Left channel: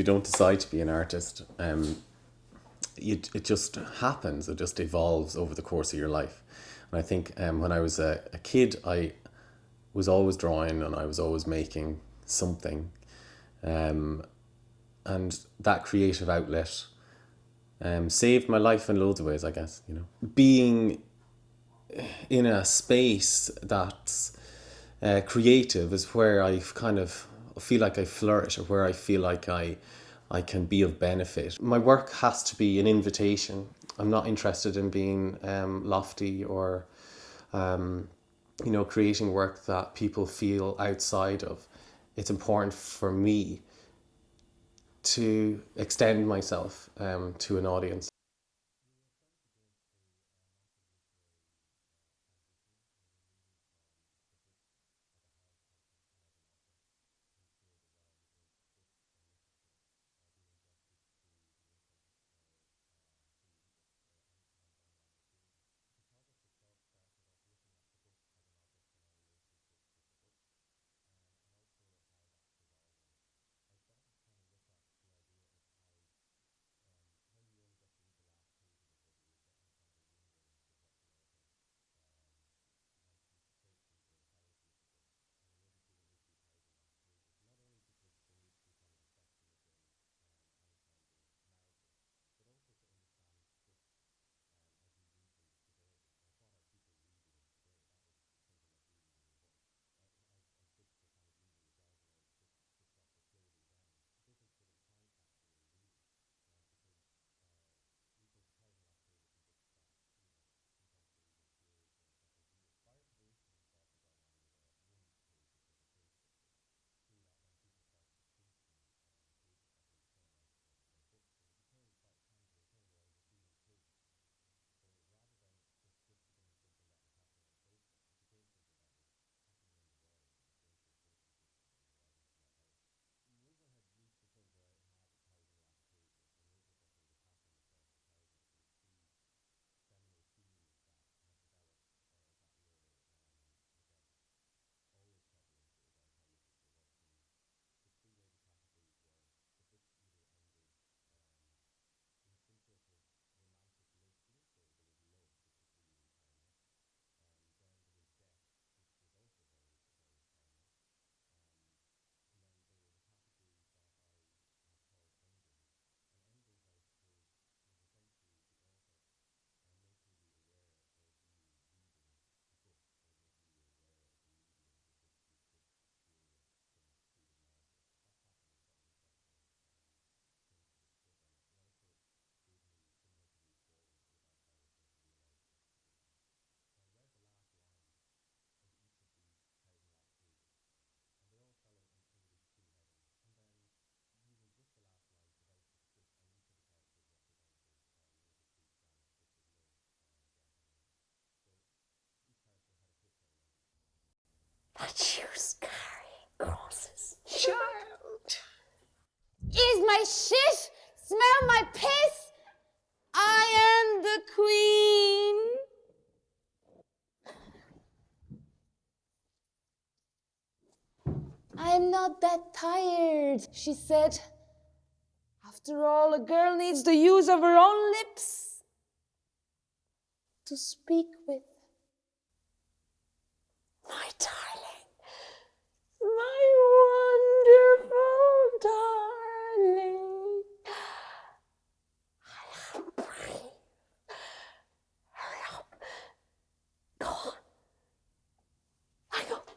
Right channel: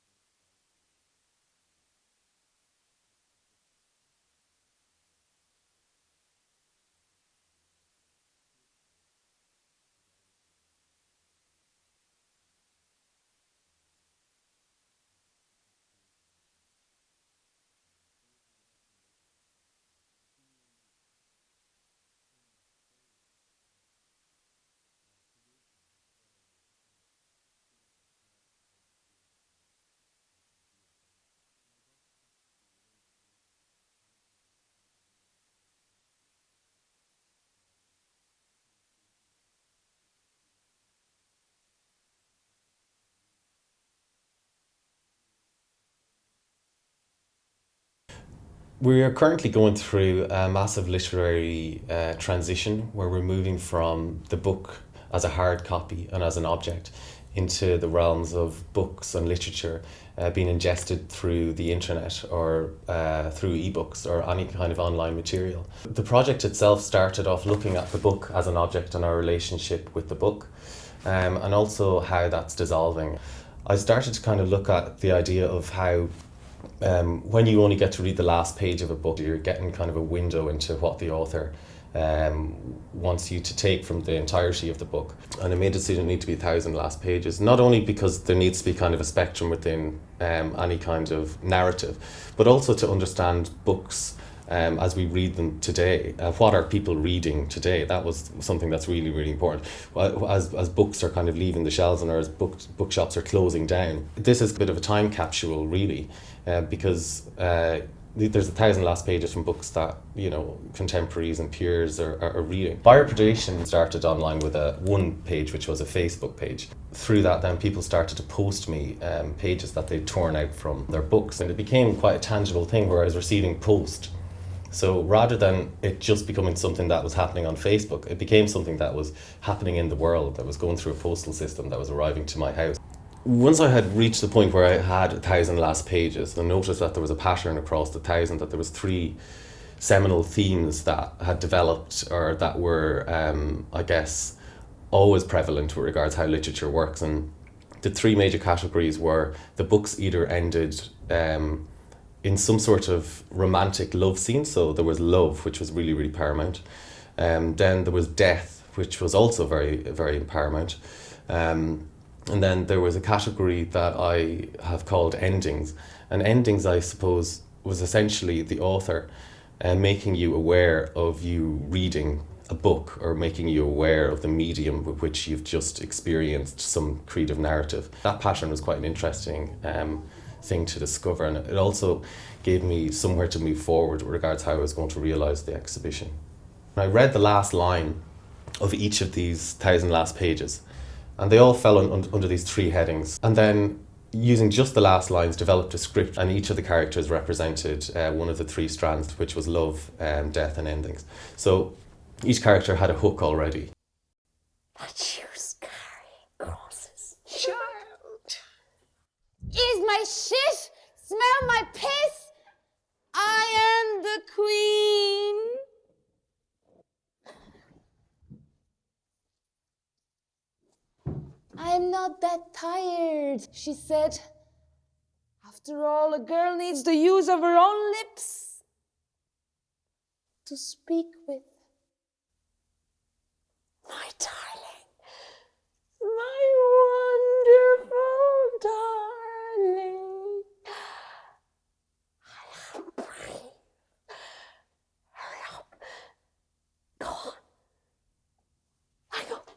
You don't decide to be an artist. It just happens. It just evolves over the course of your life. And I think when I was a kid, I was always drawing and I was always making something. And that creative outlet saved my life in loads of ways, I guess. Being in a space that's creative is where I kind of feel like I flourish, or where I feel like I can be of benefit. My work has to be an invitation. I'm not interested in being lofty or creating work that people feel outside of. It's important for me to extend myself to an audience. We are currently going through a massive literary transition where we're moving from the book as a hard copy and as an object into the realms of books and literature being ingested through the internet or through ebooks or any kind of online material. The project itself started off looking at the book as an object and our relationship with the book, and also how that's dissolving. I started to kind of look at the idea of how when you only get to read the last page of a book, you're getting kind of a window into what the author wants you to take from the entirety of the book. And I made a decision it needed to be 1,000 last pages, not only because there needs to be kind of a spectrum within any kind of narrative, but also to understand books as we read them today. What are people reading today? That was something that's really, really important. As books are kind of leaving the shelves and as bookshops are closing down, this is a bit of a time capsule, really, because there's 1,000 last pages from books that contemporaries and peers are reading. Biopredations started online with one page, which was a Facebook page. Through that, then people started to post me pages that they'd torn out from their books, and it became quite a tangible thing where I was receiving post. So rather than it just becoming something that was happening on Facebook, it became something that was happening in the world, that was going through a postal system, that was arriving to my house. Once I had reached the point where I had 1,000 last pages, I noticed that there was a pattern across the 1,000, that there was 3 seminal themes that had developed, or that were, I guess, always prevalent with regards to how literature works. And the 3 major categories were the books either ended in some sort of romantic love scene, so there was love, which was really, really paramount. Then there was death, which was also very, very paramount. And then there was a category that I have called endings. And endings, I suppose, was essentially the author making you aware of you reading a book, or making you aware of the medium with which you've just experienced some creative narrative. That pattern was quite an interesting thing to discover, and it also gave me somewhere to move forward with regards to how I was going to realise the exhibition. I read the last line of each of these 1,000 last pages, and they all fell under these 3 headings. And then, using just the last lines, developed a script, and each of the characters represented one of the 3 strands, which was love, death and endings. So each character had a hook already. But you's carrying crosses. Child! Is my shit? Smell my piss? I am the queen. I am not that tired, she said. After all, a girl needs the use of her own lips to speak with. My darling, my wonderful darling. I am brave. Hurry up. Go on. Hang up.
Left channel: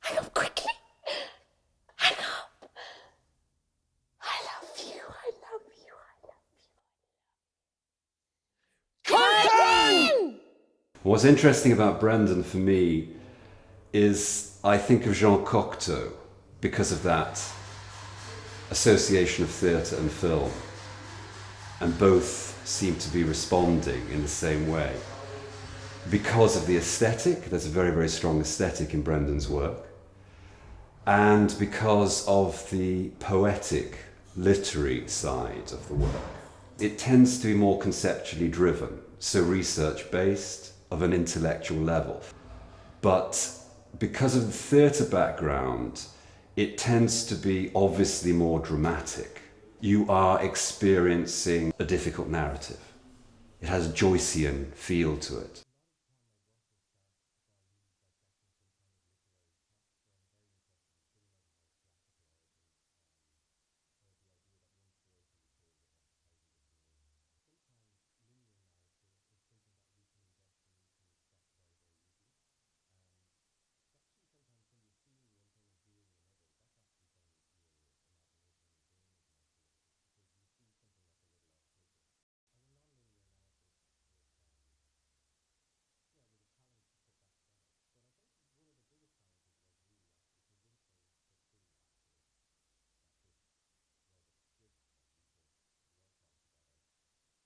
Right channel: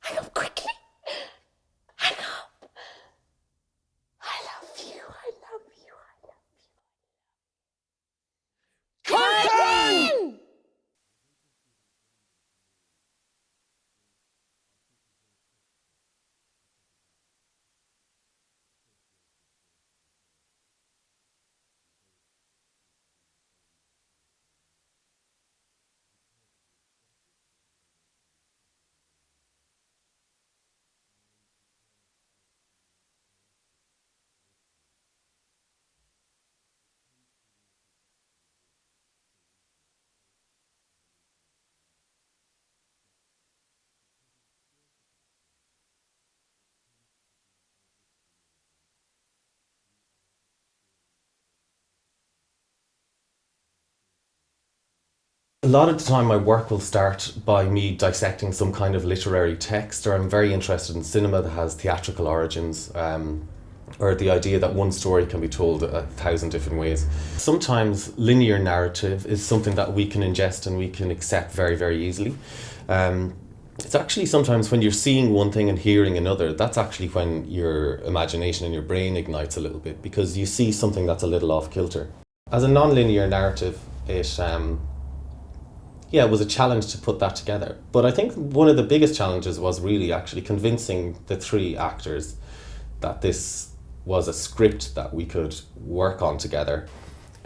Hang up quickly. Hang up. I love you. I love you. I love you. Curtain! What's interesting about Brendan for me is I think of Jean Cocteau because of that association of theatre and film, and both seem to be responding in the same way. Because of the aesthetic, there's a very, very strong aesthetic in Brendan's work, and because of the poetic, literary side of the work. It tends to be more conceptually driven, so research-based, of an intellectual level. But because of the theatre background, it tends to be obviously more dramatic. you are experiencing a difficult narrative. It has a Joycean feel to it. A lot of the time my work will start by me dissecting some kind of literary text, or I'm very interested in cinema that has theatrical origins, or the idea that one story can be told 1,000 different ways. Sometimes linear narrative is something that we can ingest and we can accept very, very easily. It's actually sometimes when you're seeing one thing and hearing another, that's actually when your imagination and your brain ignites a little bit, because you see something that's a little off kilter. As a non-linear narrative, it was a challenge to put that together. But I think one of the biggest challenges was really actually convincing the three actors that this was a script that we could work on together,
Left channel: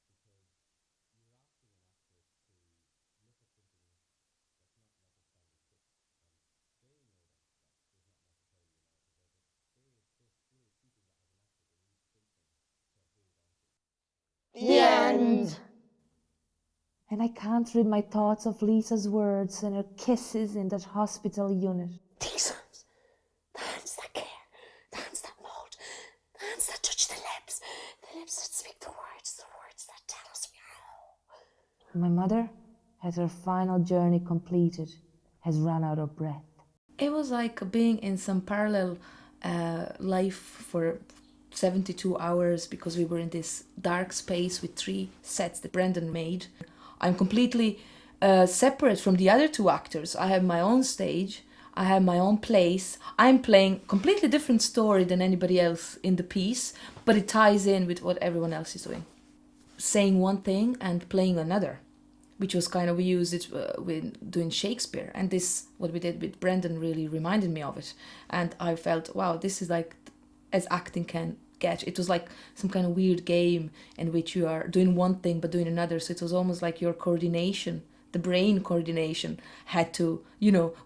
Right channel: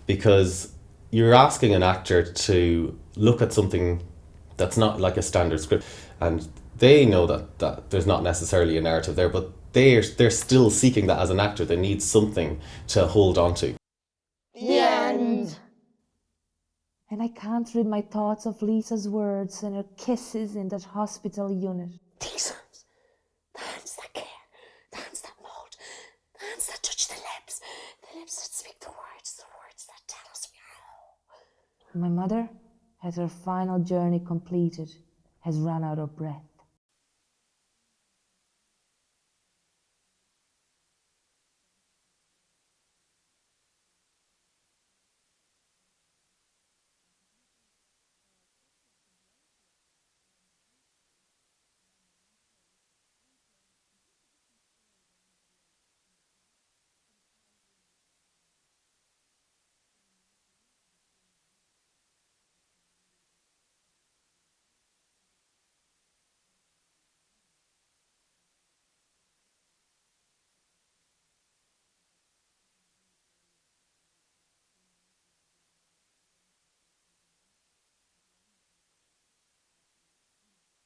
because you're asking an actor to look at something that's not like a standard script, and they know that there's not necessarily a narrative there, but they're still seeking that as an actor. They need something to hold on to. The end. And I can't read my thoughts of Lisa's words and her kisses in that hospital unit. These ones. The hands that care. The hands that mold. The hands that touch the lips. The lips that speak the words that tell us we are. My mother has her final journey completed, has run out of breath. It was like being in some parallel life for 72 hours, because we were in this dark space with 3 sets that Brendan made. I'm completely separate from the other 2 actors. I have my own stage, I have my own place. I'm playing a completely different story than anybody else in the piece, but it ties in with what everyone else is doing. Saying one thing and playing another, which was kind of, we used it with doing Shakespeare. And this, what we did with Brendan, really reminded me of it. And I felt, wow, this is like as acting can get. It was like some kind of weird game in which you are doing one thing but doing another. So it was almost like your coordination, the brain coordination, had to,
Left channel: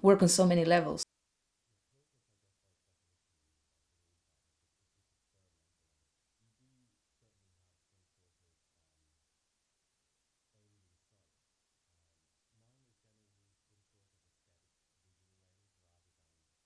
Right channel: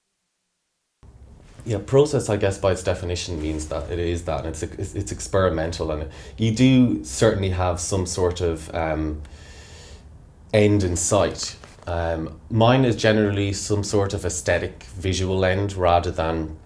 work on so many levels. Yeah, process, I guess, by its definition means that it is that. It's experimental, and you do certainly have some sort of end in sight. Mine is generally some sort of aesthetic visual end, rather than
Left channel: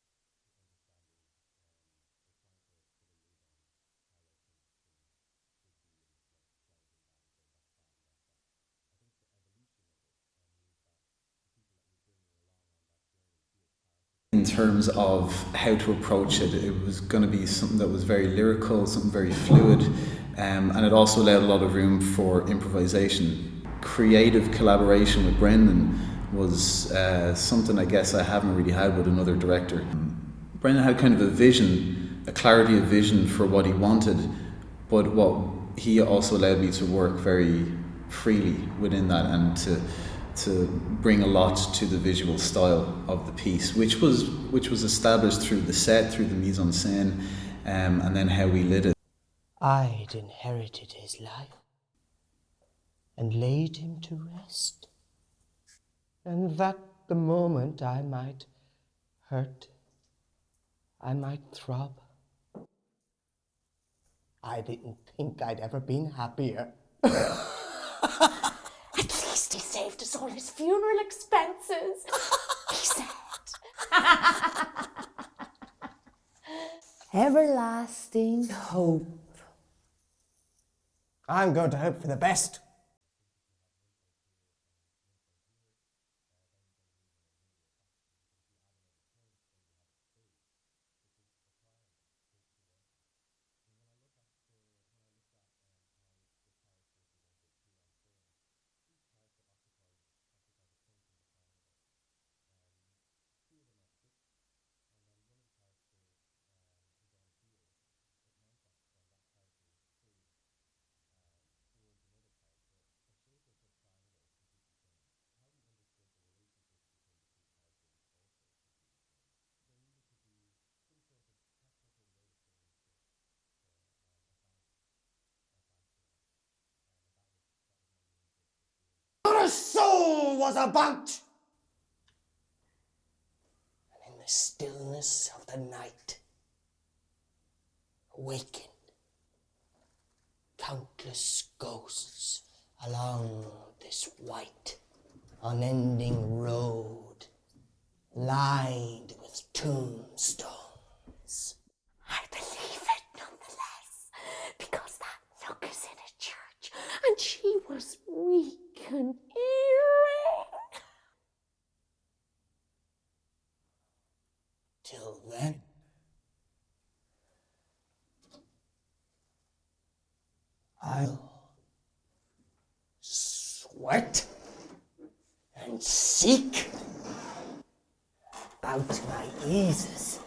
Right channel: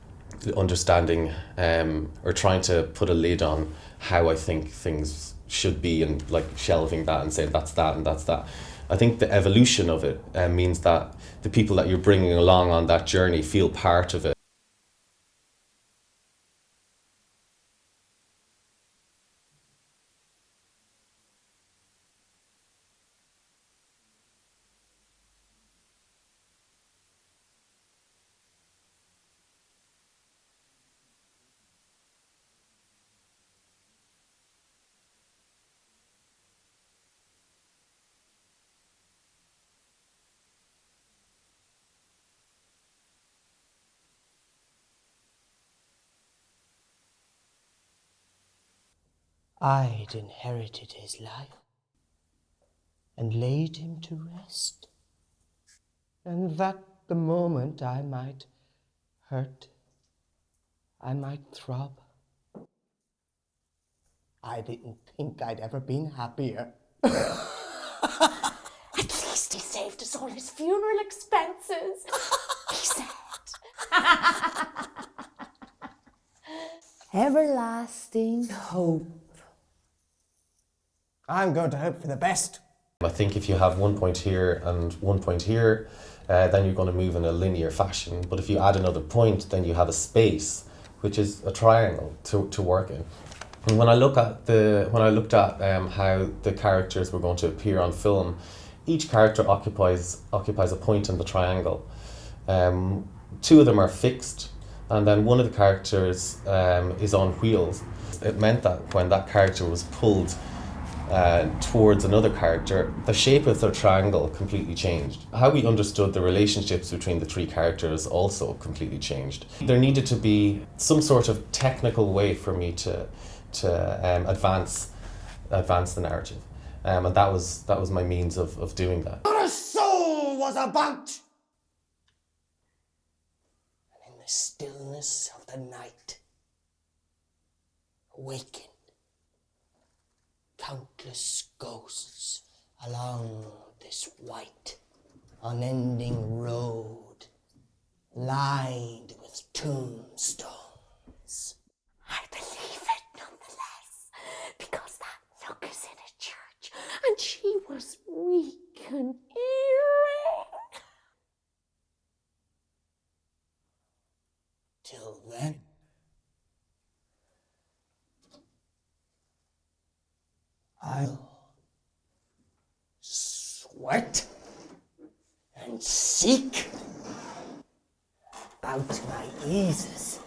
understanding or trying to put a lid on how I think things should be, and like shelving that and saying that's that and that's that. I think the evolution of it means that the people that you're bringing along on that journey feel part of it. In terms of how to approach it, it was going to be something that was very lyrical, something very fluid, and it also allowed a lot of room for improvisation. Creative collaboration with Brendan was something I guess I haven't really had with another director. Brendan had kind of a vision, a clarity of vision for what he wanted, but what he also allowed me to work very freely within that, and to bring a lot to the visual style of the piece, which was established through the set, through the mise en scène, and then how we lit it. I'd inherited his life and laid him to rest, and that the moment I might hurt, I might throb. I didn't think I'd ever been happier. At least he saved us all his funeral expenses, he said. Everlasting hope. I'm going to hope for the best. I think if you have 1 point here and 1 point here, then you're going to move in a linear fashion. But if you add another point, then you have a space, which is a triangle to work in. And when I looked at how the characters were going to appear on film, each character occupies a point in the triangle. 2 of them are fixed, and then one of the characters is on wheels. It meant that when that character was pulled towards another character, the shape of the triangle completely changed. How we understood the relationships between the 3 characters also completely changed. There needed to be some sort of technical way for me to advance the narrative, and that was my means of doing that. Not a soul was about! And in the stillness of the night, awakened countless ghosts along this white, unending road, lined with tombstones. I believe it nonetheless, because and she was weak and eerie. Till then, I'll sweat and seek about my eases,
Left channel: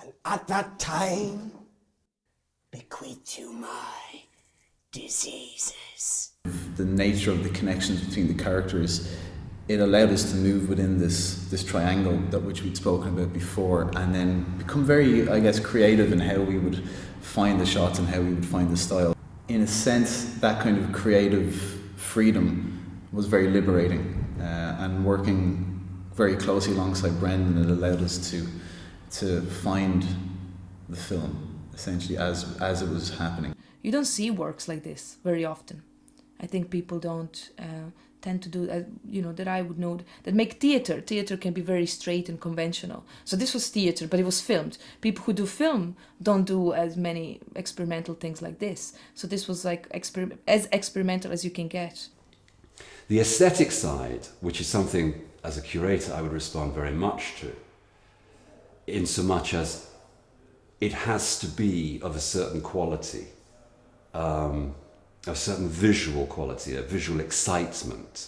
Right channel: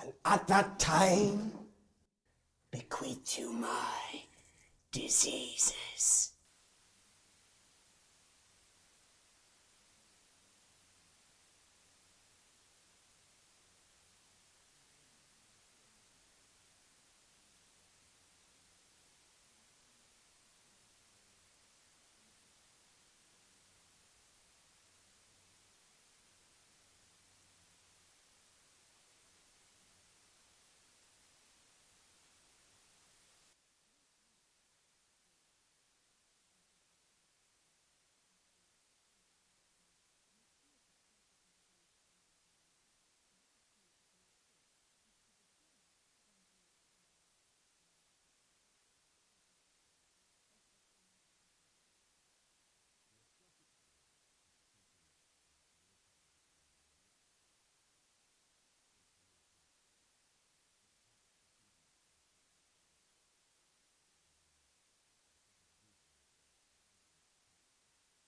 and at that time bequeath you my diseases. The nature of the connections between the characters, it allowed us to move within this triangle that which we'd spoken about before, and then become very, I guess, creative in how we would find the shots and how we would find the style. In a sense, that kind of creative freedom was very liberating, and working very closely alongside Brendan, it allowed us to find the film essentially as it was happening. You don't see works like this very often. I think people don't tend to do, that I would know, that make theatre. Theatre can be very straight and conventional. So this was theatre, but it was filmed. People who do film don't do as many experimental things like this. So this was like as experimental as you can get. The aesthetic side, which is something as a curator I would respond very much to, in so much as it has to be of a certain quality, a certain visual quality, a visual excitement.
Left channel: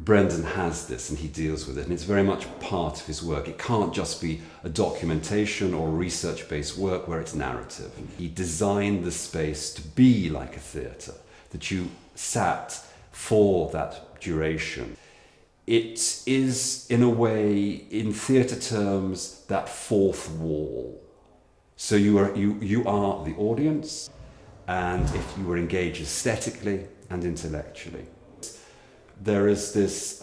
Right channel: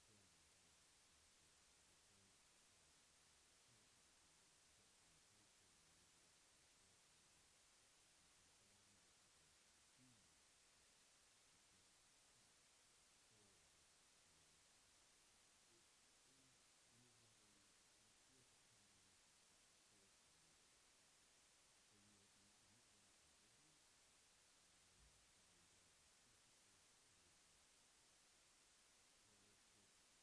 Brendan has this and he deals with it, and it's very much part of his work. It can't just be a documentation or research-based work where it's narrative. He designed the space to be like a theatre, that you sat for that duration. It is, in a way, in theatre terms, that fourth wall. So you are the audience, and if you were engaged aesthetically and intellectually. There is this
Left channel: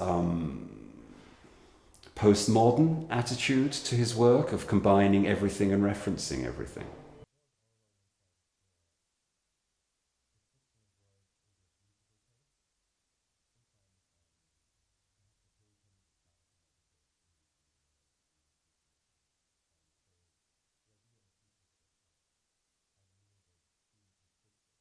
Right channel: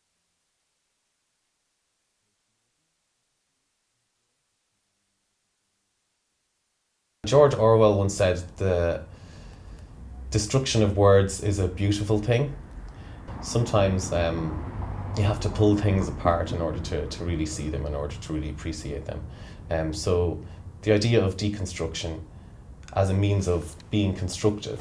postmodern attitude to his work of combining everything and referencing everything. George Orwell once said the destruction of words is a beautiful thing. Sometimes you have to pull things apart in order to really see them, in order to really appreciate them. So the idea of deconstruction as a means of being constructive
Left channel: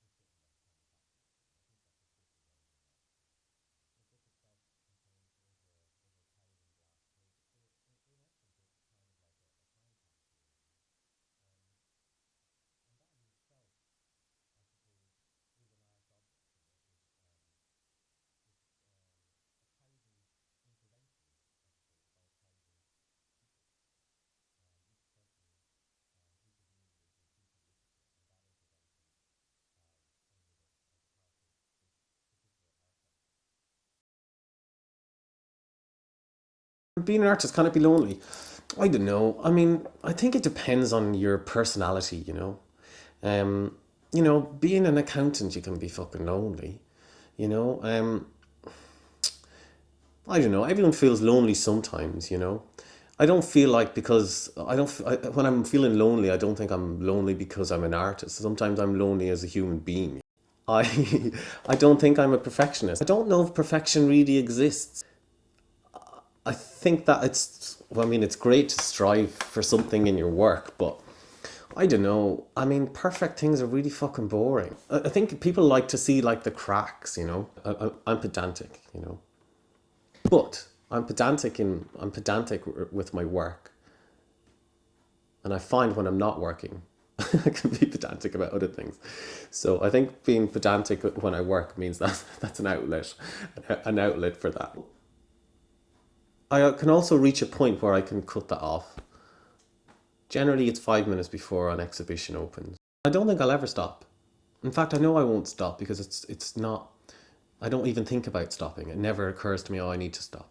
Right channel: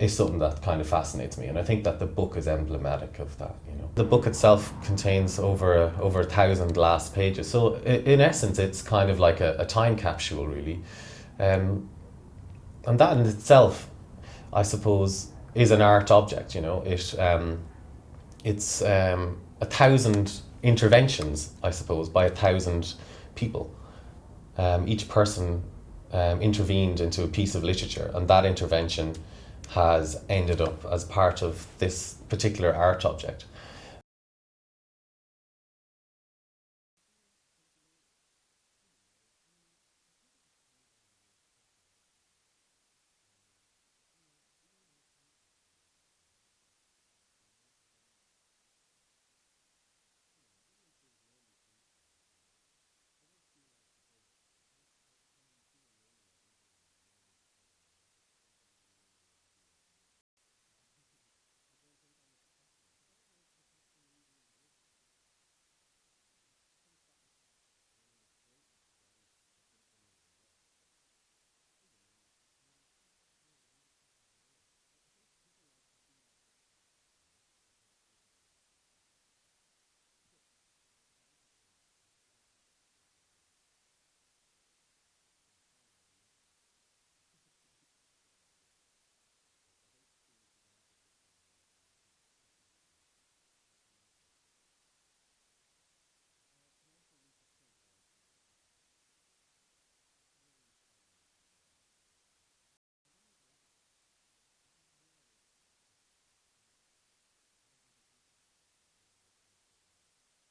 is something that kind of fascinates me, and I think that the book is emblematic of that. The book itself contains over 1,000 last pages, so in essence it's kind of like a time capsule, really, and that in itself, I suppose, is an art object. It's 1,000 interventions, I suppose, by 1,000 people. Each person intervened into a piece of literature, and that intervention has ended up as part of this particular art object. Being an artist, can it be lonely? I don't know. I mean, I think it depends on your personality, being an accountant, you can be fucking lonely, I don't know, everyone feels lonely sometimes, I don't feel like, because when I'm feeling lonely, I don't think I'm lonely because I'm an artist. Sometimes I'm lonely as a human being. I don't think I'm a perfectionist. I don't know if perfection really exists. I think that it's great to strive for something in your work, but I don't know. I mean, perfect things are really fucking boring. I think people like to see like the cracks, I'm pedantic, but I'm pedantic with my work, and I find when I'm not working, I can be pedantic about other things. So I think being pedantic when I work means that's an outlet for that. I can also reach a point where I can cut that off. Generally, it's 5 minutes before an exhibition opens. I don't think I'll ever stop. In fact, I know I won't stop because it's not. I don't even think about stopping. It never occurs to me, I need to stop.